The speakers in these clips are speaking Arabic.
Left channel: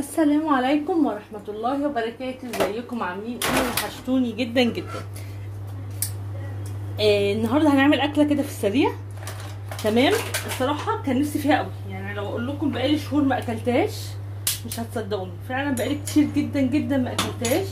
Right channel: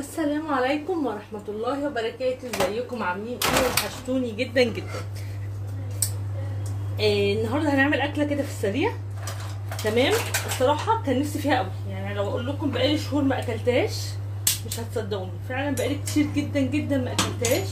السلام عليكم ورحمة الله وبركاته. ازيكم عاملين ايه؟ وحشتوني جدا جدا. النهارده هنعمل اكله كده في السريع. تمام. الصراحه كان نفسي فيها قوي، يعني لو اقول لكم بقالي شهور ما اكلتهاش مش هتصدقوني، فعلا بقالي كتير جدا جدا ما اكلتهاش،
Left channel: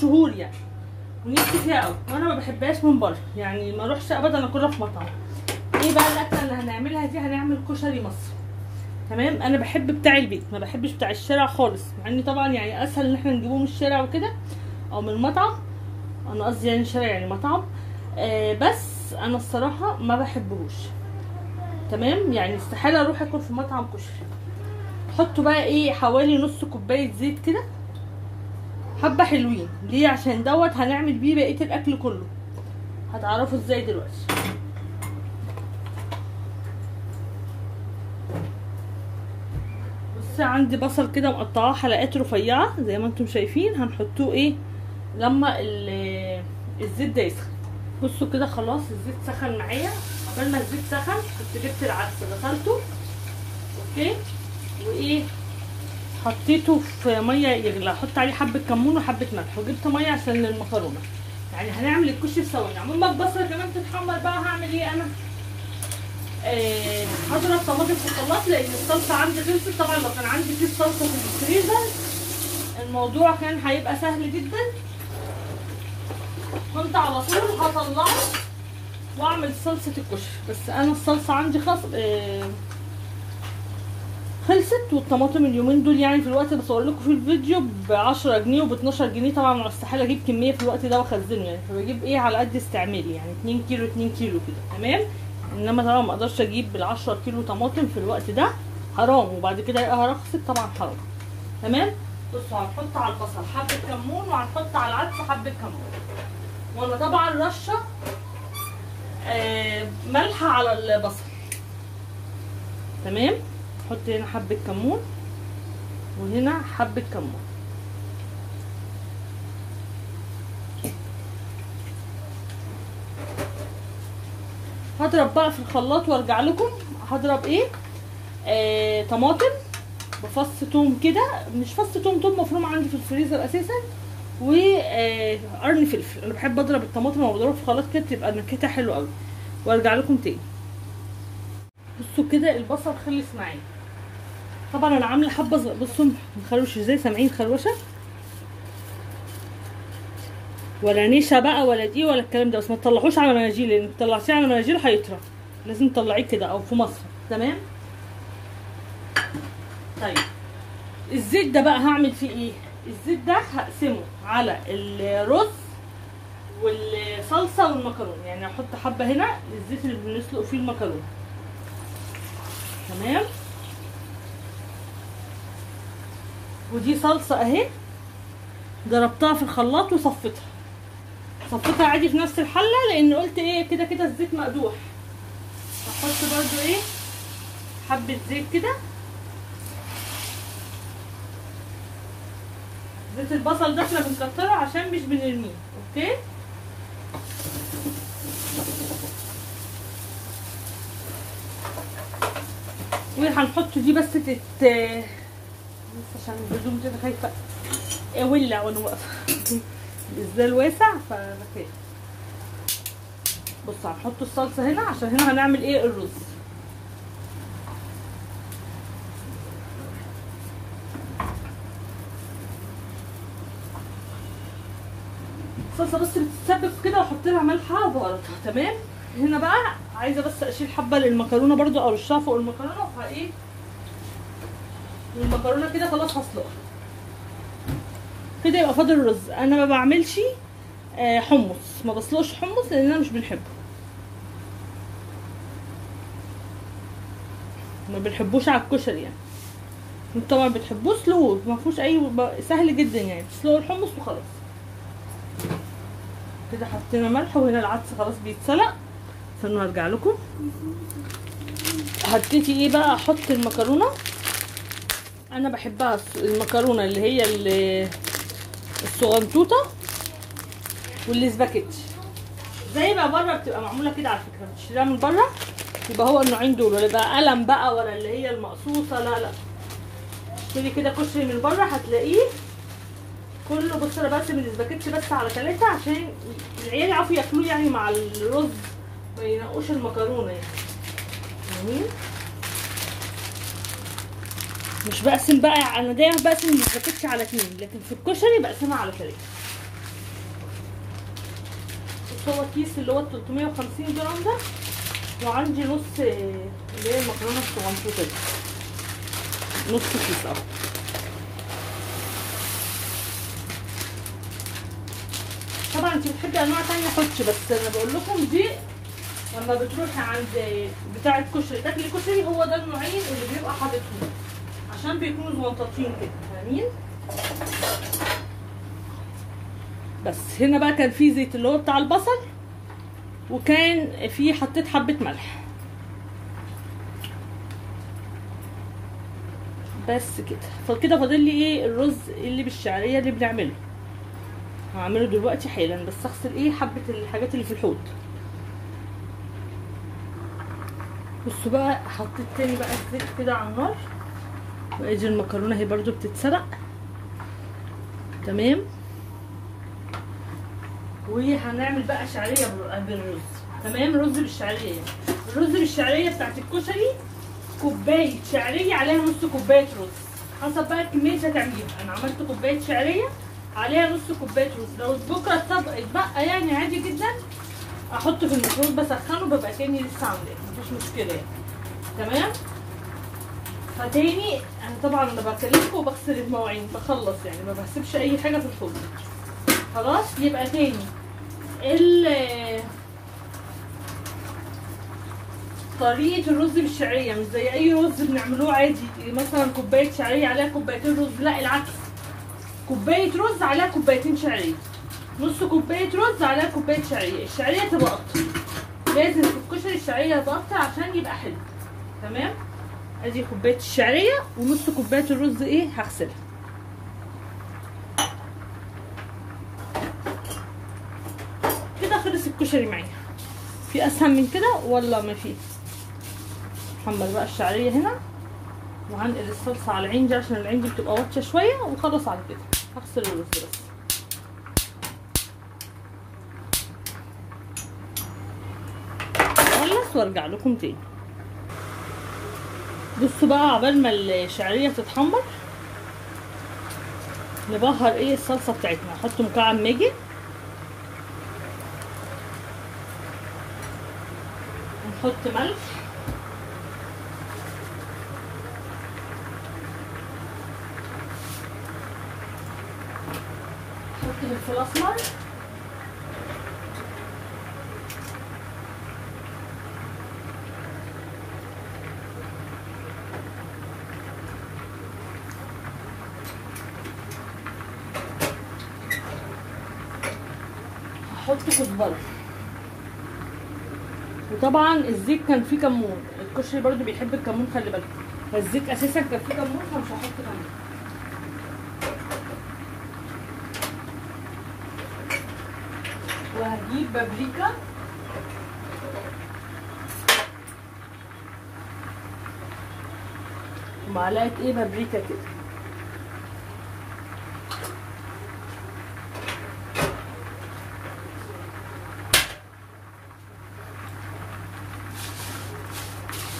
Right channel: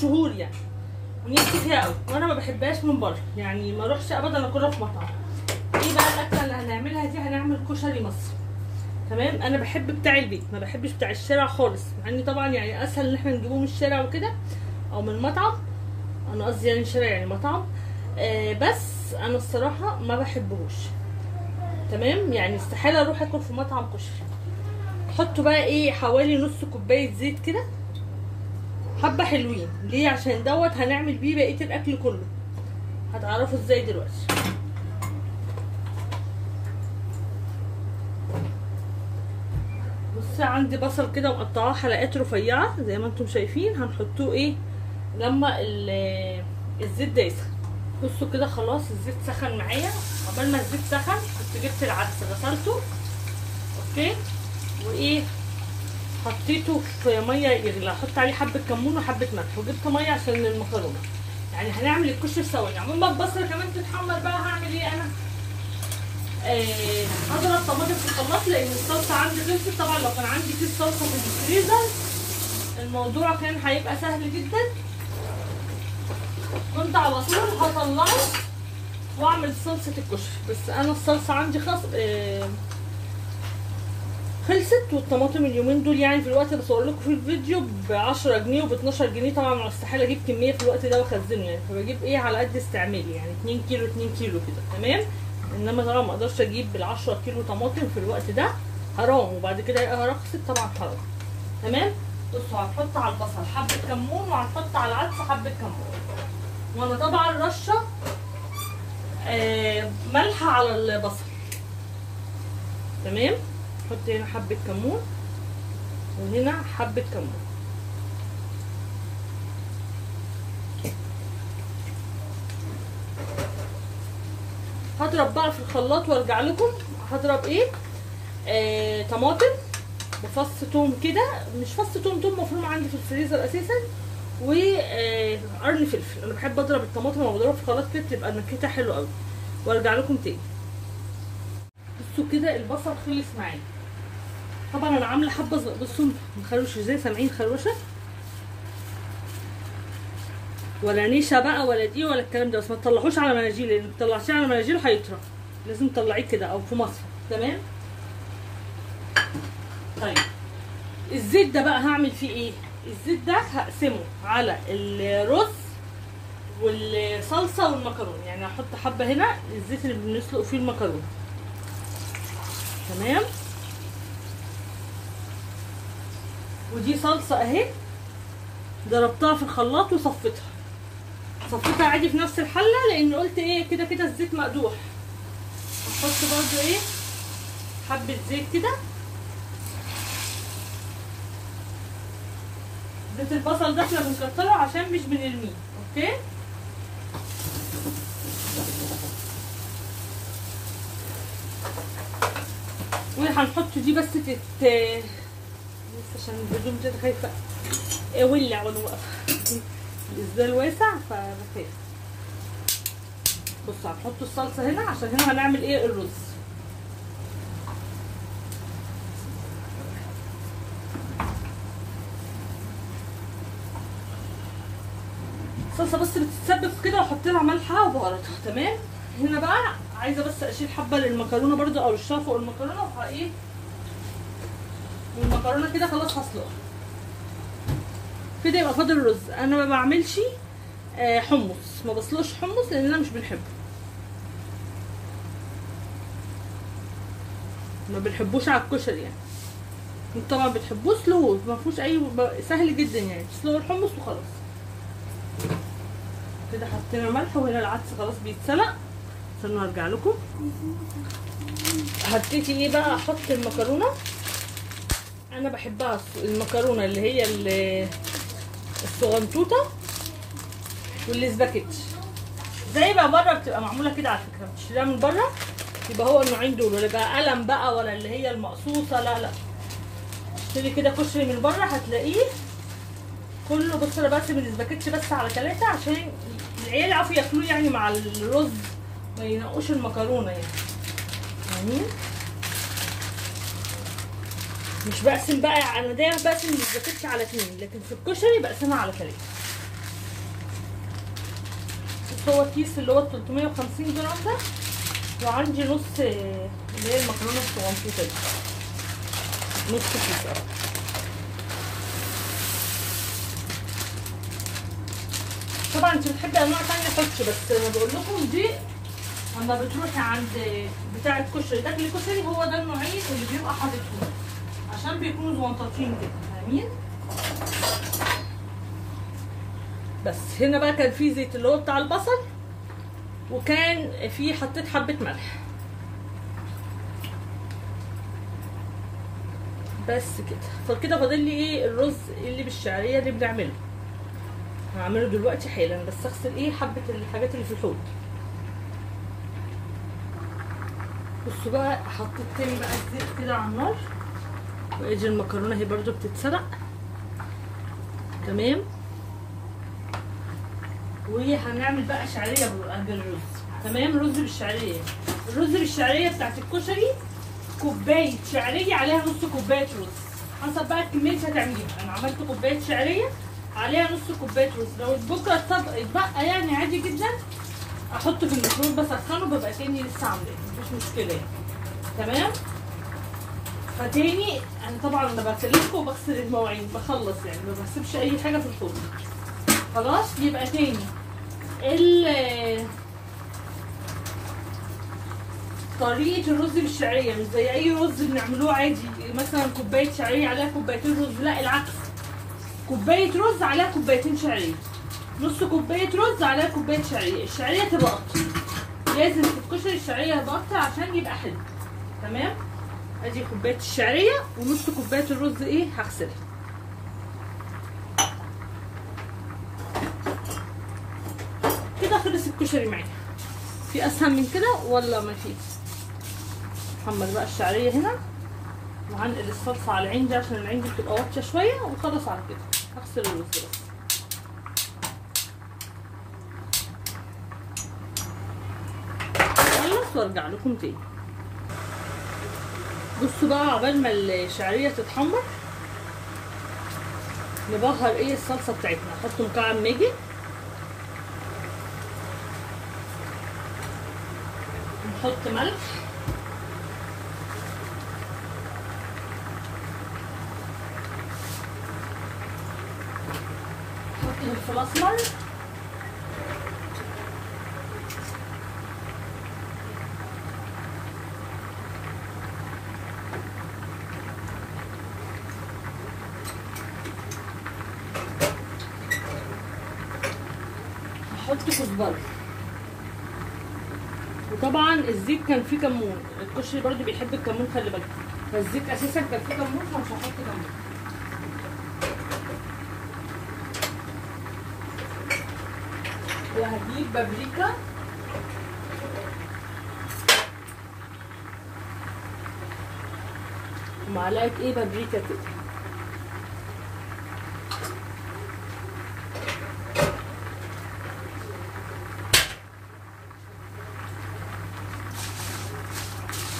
شهور يعني، ونفسي فيها قوي، وانا ما بحبهاش من بره، يعني ما اروحش ابدا اكلها في مطعم. ايه بقى الاكله اللي هنعملها دي؟ هنعمل كشري مصري. تمام. انا بحب بتاع البيت، ما بحبش بتاع الشارع خالص، مع ان طبعا يعني اسهل ان احنا نجيبه من الشارع وكده او من مطعم. انا قصدي يعني الشارع يعني مطعم. بس انا الصراحه ما بحبهوش. تمام. يعني استحاله اروح اكل في مطعم كشري. حطوا بقى ايه، حوالي نص كوبايه زيت كده، حبه حلوين. ليه؟ عشان دوت هنعمل بيه بقيه الاكل كله، هتعرفوا ازاي دلوقتي. عندي بصل كده مقطعاه حلقات رفيعه زي ما انتم شايفين، هنحطوه ايه لما الزيت ده يسخن. بصوا كده خلاص الزيت سخن معايا. قبل ما الزيت سخن كنت جبت العدس غسلته، اوكي، وايه حطيته في ميه يغلى، احط عليه حبه كمون وحبه ملح، وجبت ميه عشان المكرونه. يعني هنعمل الكشري ثواني. عمال ما البصله كمان تتحمر بقى هعمل ايه انا؟ هضرب طماطم في الخلاط لان الصلصه عندي خلصت. طبعا لو كان عندي كيس صلصه في الفريزر الموضوع كان هيبقى سهل جدا، كنت على طول هطلعه واعمل صلصه الكشري. بس انا الصلصه عندي خلصت، والطماطم اليومين دول يعني في الوقت اللي بصور لكم في الفيديو ب 10 جنيه وب 12 جنيه. طبعا استحاله اجيب كميه في الوقت ده واخزنه، يعني فبجيب ايه على قد استعمالي، يعني 2 كيلو 2 كيلو كده. تمام. انما طبعا ما اقدرش اجيب بال10 كيلو طماطم في الوقت ده، حرام، وبعد كده يبقى رخصت طبعا حرام. تمام. بصوا هنحط على البصل حبه كمون، وهنحط على العدس حبه كمون، وانا طبعا رشه ملح على البصل. تمام. نحط هنا حبه كمون وهنا حبه كمون. هضرب بقى في الخلاط وارجع لكم. هضرب ايه؟ طماطم بفص توم كده، مش فص توم مفروم عندي في الفريزر اساسا، وقرن فلفل. انا بحب اضرب الطماطم لما بضربها في الخلاط كده تبقى نكهتها حلوه قوي. وارجع لكم تاني. بصوا كده البصل خلص معايا. طبعا انا عامله حبه، بصوا مخروش ازاي، سامعين خروشه؟ ولا نشا بقى ولا دي ولا الكلام ده، بس ما تطلعوش على مناجيل، لان طلعتيه على مناجيل هيطرى، لازم تطلعيه كده او في مصفى. تمام. طيب الزيت ده بقى هعمل فيه ايه؟ الزيت ده هقسمه على الرز والصلصه والمكرونه، يعني هحط حبه هنا الزيت اللي بنسلق فيه المكرونه. تمام. ودي صلصه اهي، ضربتها في الخلاط وصفيتها عادي في نفس الحله، لان قلت ايه كده كده الزيت مقدوح. هحط برضو ايه حبه زيت كده، زيت البصل ده احنا بنكتره عشان مش بنرميه، اوكي. ايه هنحطه دي بس لسه عشان الهدوم كده خايفه ولع وانا واقفه الازاز واسع فبخاف. بصوا هنحط الصلصه هنا عشان هنا هنعمل ايه الرز. الصلصه بس بتتسبك كده واحط لها ملحها وبهاراتها. تمام. هنا بقى عايزه بس اشيل حبه للمكرونه برده ارشها فوق المكرونه، فايه والمكرونه كده خلاص هسلقها كده. يبقى فاضل الرز. انا ما بعملش حمص، ما بسلقش حمص لان انا مش بنحبه، ما بنحبوش على الكشري يعني. انتوا طبعا بتحبوه سلوه، ما فيهوش اي، سهل جدا يعني، تسلقوا الحمص وخلاص. كده حطينا ملح، وهنا العدس خلاص بيتسلق. استنوا ارجع لكم. هبتدي ايه بقى احط المكرونه. انا بحبها المكرونه اللي هي الصغنطوطه والسباكيتي، زي بقى بره بتبقى معموله كده على فكره، بتشتريها من بره يبقى هو النوعين دول، ولا بقى قلم بقى ولا اللي هي المقصوصه، لا اشتري كده كشري من بره هتلاقيه كله. بص انا بقسم الاسباجيتي بس على 3 عشان العيال يعرفوا ياكلوه يعني مع الرز، ما ينقوش المكرونه يعني. مش بقسم بقى، انا دايما بقسم الاسباجيتي على 2، لكن في الكشري بقسمها على 3. بس هو الكيس اللي هو 350 جرام ده، وعندي نص اللي هي المكرونه الصغنطوطه دي، نص كيس اهو. طبعا انت بتحبي انواع تانية حطي، بس انا بقول لكم دي لما بتروحي عند بتاع الكشري تاكلي كشري، هو ده النوعين اللي بيبقى حاططهم عشان بيكونوا زونطاطين كده، فاهمين؟ بس هنا بقى كان في زيت اللي هو بتاع البصل، وكان في حطيت حبه ملح بس كده. فكده فاضل لي ايه؟ الرز اللي بالشعريه اللي بنعمله، هعمله دلوقتي حالا. بس اغسل ايه حبه الحاجات اللي في الحوض. بصوا بقى، حطيت تاني بقى الزيت كده على النار، وادي المكرونه اهي برده بتتسلق تمام. وهنعمل بقى شعريه بالرز تمام. رز بالشعريه. الرز بالشعريه بتاعت الكشري كوبايه شعريه عليها نص كوبايه رز، حسب بقى الكميه اللي هتعمليها. انا عملت كوبايه شعريه عليها نص كوبايه رز. لو بكره اتبقى يعني عادي جدا احطه في الميكرويف بسخنه، ببقى كاني لسه عاملاه، مفيش مشكله يعني تمام. فتاني انا طبعا لما بكلمكم وبغسل المواعين بخلص يعني، ما بسيبش اي حاجه في الحوض خلاص. يبقى تاني طريقه الرز بالشعريه مش زي اي رز بنعملوه عادي، مثلا كوبايه شعريه عليها كوبايتين رز، لا العكس، كوبايه رز عليها كوبايتين شعريه، نص كوبايه رز عليها كوبايه شعريه. الشعريه تبقى اكتر، لازم في الكشري الشعريه تبقى اكتر عشان يبقى حلو تمام. ادي كوبايه الشعريه ونص كوبايه الرز ايه هغسلها كده. خلص الكشري معايا. في اسهل من كده ولا ما في؟ نحمر بقى الشعريه هنا، وهنقل الصلصه على العين دي عشان العين دي بتبقى واطيه شويه، وخلص على كده. هغسل الرز بس. اخلص وارجع لكم تاني. بصوا بقى، عقبال ما الشعريه تتحمر نبهر ايه الصلصه بتاعتنا. نحط مكعب ماجي، نحط ملح، نحط فلفل اسمر، نحط كزبره. وطبعا الزيت كان فيه كمون، الكشري برضو بيحب الكمون خلي بالكم، فالزيت اساسا كان فيه كمون فمش هحط كمون. وهجيب بابريكا ومعلقه ايه بابريكا كده،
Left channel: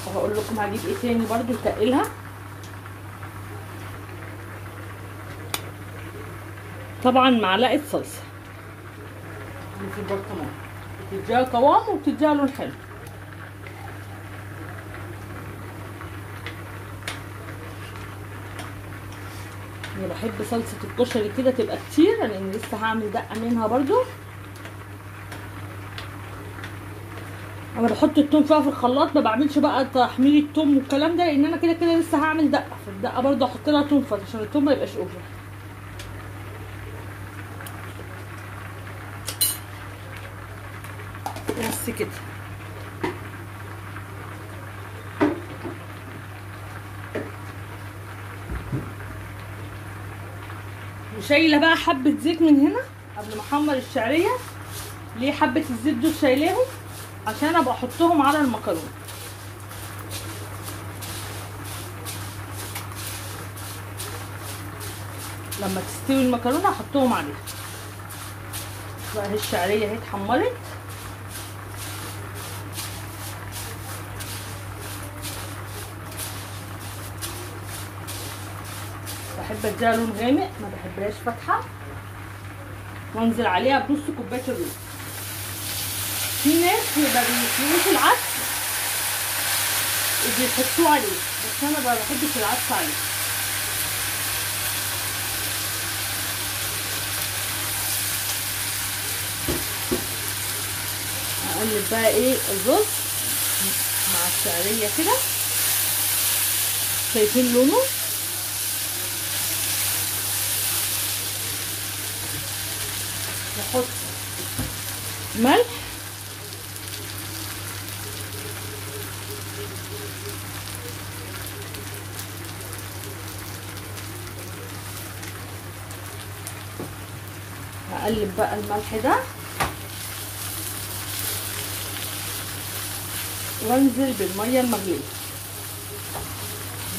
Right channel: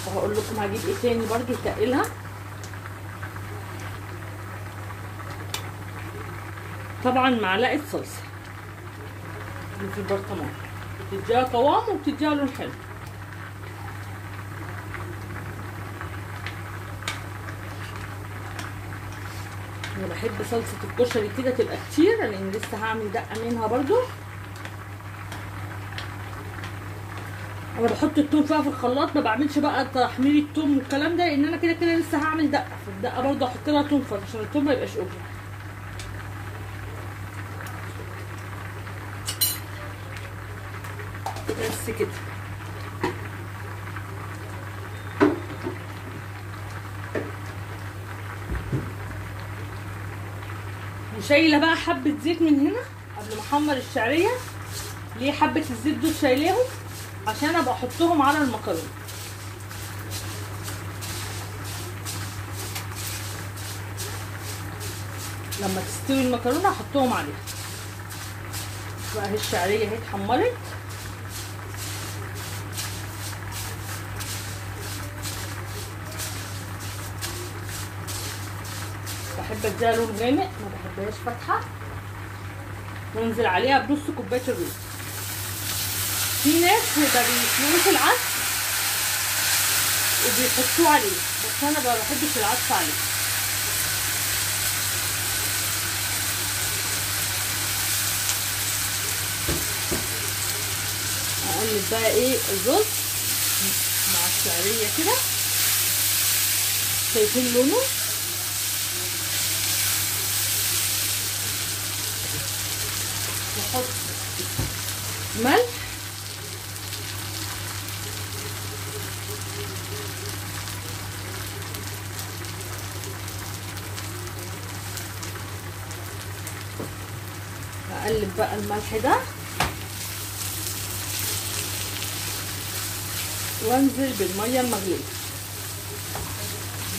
وهقول لكم هجيب ايه تاني برضو يتقلها. طبعا معلقه صلصه اللي في البرطمان بتديها قوام وبتديها لون حلو. انا بحب صلصه الكشري كده تبقى كتير، لان لسه هعمل دقه منها برضو. انا بحط التوم بقى في الخلاط، ما بعملش بقى تحمير التوم والكلام ده، لان انا كده كده لسه هعمل دقه. في الدقه برضو احط لها توم فرط عشان التوم ما يبقاش اوفر. بس كده. وشايله بقى حبه زيت من هنا قبل ما احمر الشعريه. ليه حبه الزيت دول شايلاهم؟ عشان ابقى احطهم على المكرونه. لما تستوي المكرونه احطهم عليها. بقى اهي الشعريه اهي اتحمرت. بحب اديها لون غامق، ما بحبهاش فاتحه. وانزل عليها بنص كوبايه الرز. في ناس ما بيسلقوش العدس وبيحطوه عليه، بس انا ما بحبش العدس عليه. اقلب بقى ايه الرز مع الشعريه كده. شايفين لونه؟ نحط ملح هقلب بقى الملح ده وانزل بالميه المغليه.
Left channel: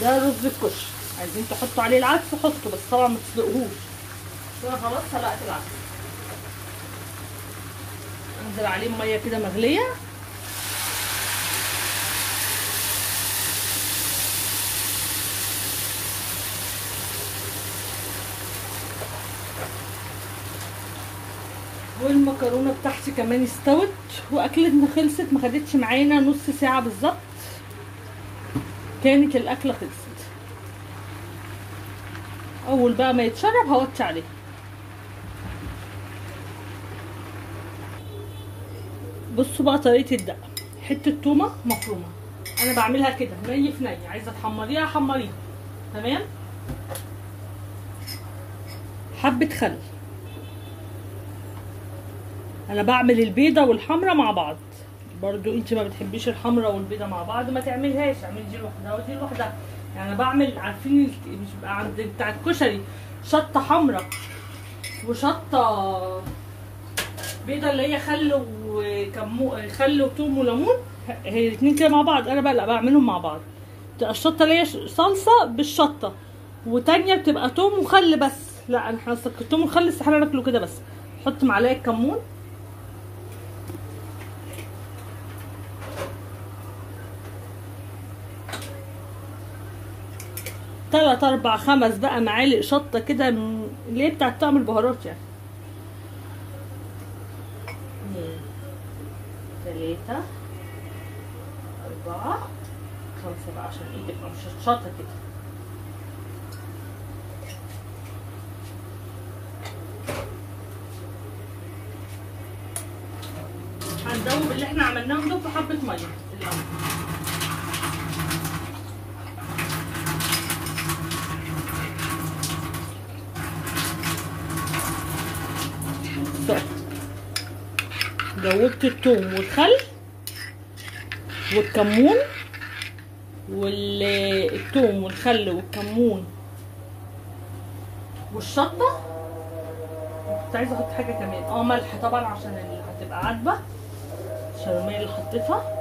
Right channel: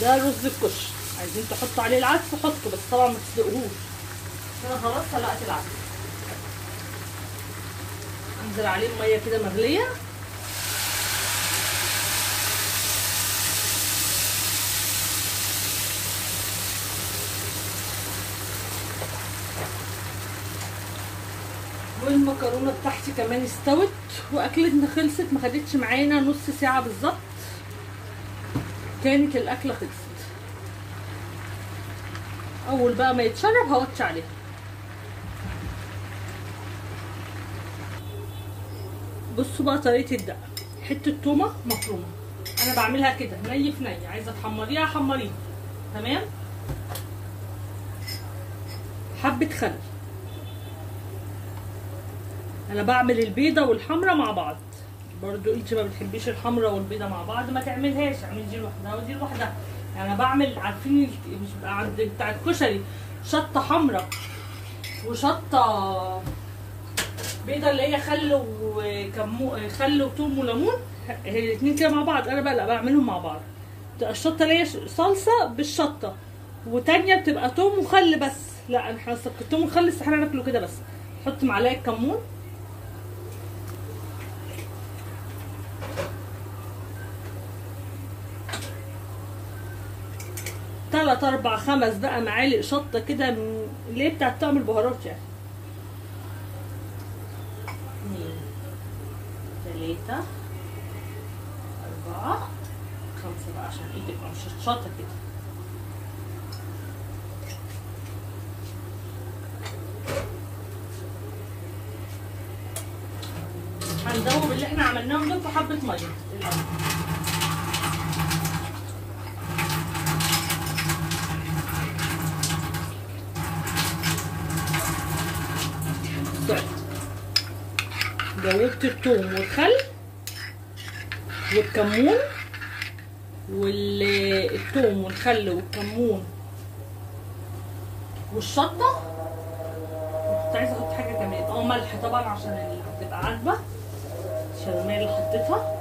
ده رز الكشري، عايزين تحطوا عليه العدس حطوا، بس طبعا ما تسلقوهوش. كده خلاص سلقت العدس. انزل عليه ميه كده مغليه. والمكرونه بتاعتي كمان استوت واكلتنا خلصت، ما خدتش معانا نص ساعه بالظبط كانت الاكله خلصت. اول بقى ما يتشرب هوطي عليه. بصوا بقى طريقه الدقه. حته تومه مفرومه، انا بعملها كده ني في ني. عايزه تحمريها حمريها تمام. حبه خل، انا بعمل البيضه والحمرا مع بعض. برضو انت ما بتحبيش الحمرا والبيضه مع بعض ما تعملهاش، اعمل دي لوحدها ودي لوحدها. يعني انا بعمل، عارفين مش بقى عند بتاع الكشري شطه حمرا وشطه بيضه اللي هي خل وثوم وليمون، هي الاثنين كده مع بعض. انا بقى لا بعملهم مع بعض. بتبقى الشطه اللي هي صلصه بالشطه، وتانيه بتبقى ثوم وخل بس. لا احنا الثوم والخل استحاله ناكله كده بس. حط معلقه كمون، تلات اربع خمس بقى معالق شطه كده اللي هي بتاعت طعم البهارات يعني. 2 3 4 5 بقى عشان ايدي تبقى مشطشطه كده. هندوب اللي احنا عملناهم دول في حبه ميه الاول. دوبت الثوم والخل والكمون والثوم والخل والكمون والشطه. كنت عايزه احط حاجه كمان، ملح طبعا عشان اللي هتبقى عاجبه، عشان الميه اللي حطيتها.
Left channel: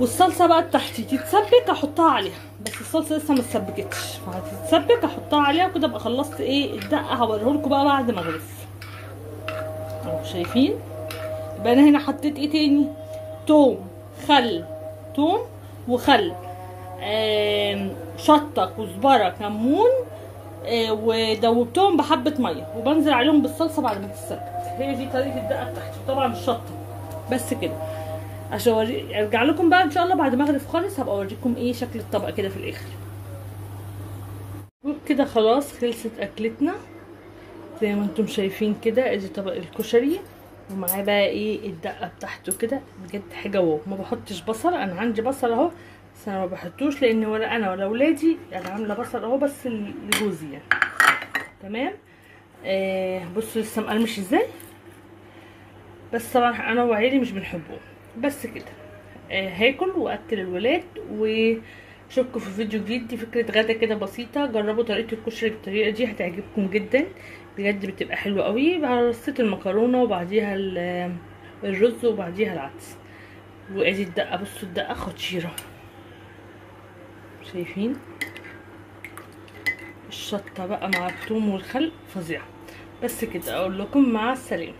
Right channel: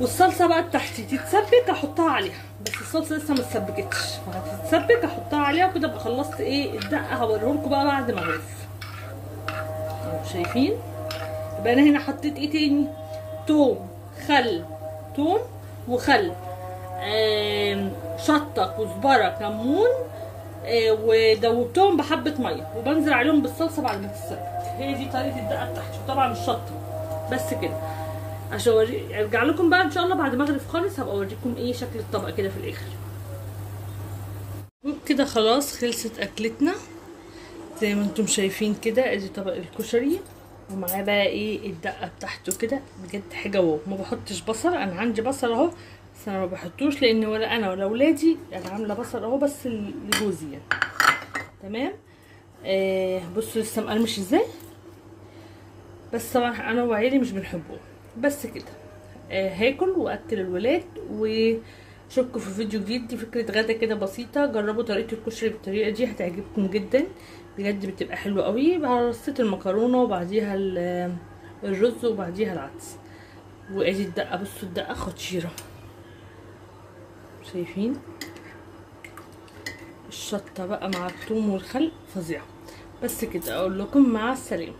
والصلصه بقى بتاعتي تتسبك احطها عليها، بس الصلصه لسه ما اتسبكتش، فهتتسبك احطها عليها وكده ابقى خلصت ايه الدقه. هوريهولكوا بقى بعد ما اغرف. اهو شايفين. يبقى انا هنا حطيت ايه تاني؟ توم وخل، شطه كزبره كمون، ودوبتهم بحبه ميه وبنزل عليهم بالصلصه بعد ما تتسبك. هي دي طريقه الدقه بتاعتي، وطبعا الشطه بس كده. عشان ارجع لكم بقى ان شاء الله بعد ما اغرف خالص، هبقى اوريكم ايه شكل الطبق كده في الاخر. وبكده خلاص خلصت اكلتنا زي ما انتم شايفين كده. ادي طبق الكشري ومعاه بقى ايه الدقه بتاعته كده. بجد حاجه واو. ما بحطش بصل، انا عندي بصل اهو بس انا ما بحطوش لان ولا انا ولا ولادي. انا عامله بصل اهو بس لجوزي يعني. تمام. بصوا لسه مقرمش ازاي، بس طبعا انا وعيالي مش بنحبه. بس كده هاكل واكل الولاد. واشوفكم في فيديو جديد. دي فكره غدا كده بسيطه، جربوا طريقه الكشري بالطريقه دي هتعجبكم جدا بجد، بتبقى حلوه قوي. رصيت المكرونه وبعديها الرز وبعديها العدس. وادي الدقه، بصوا الدقه خطيره، شايفين الشطه بقى مع الثوم والخل فظيعه. بس كده، اقول لكم مع السلامه.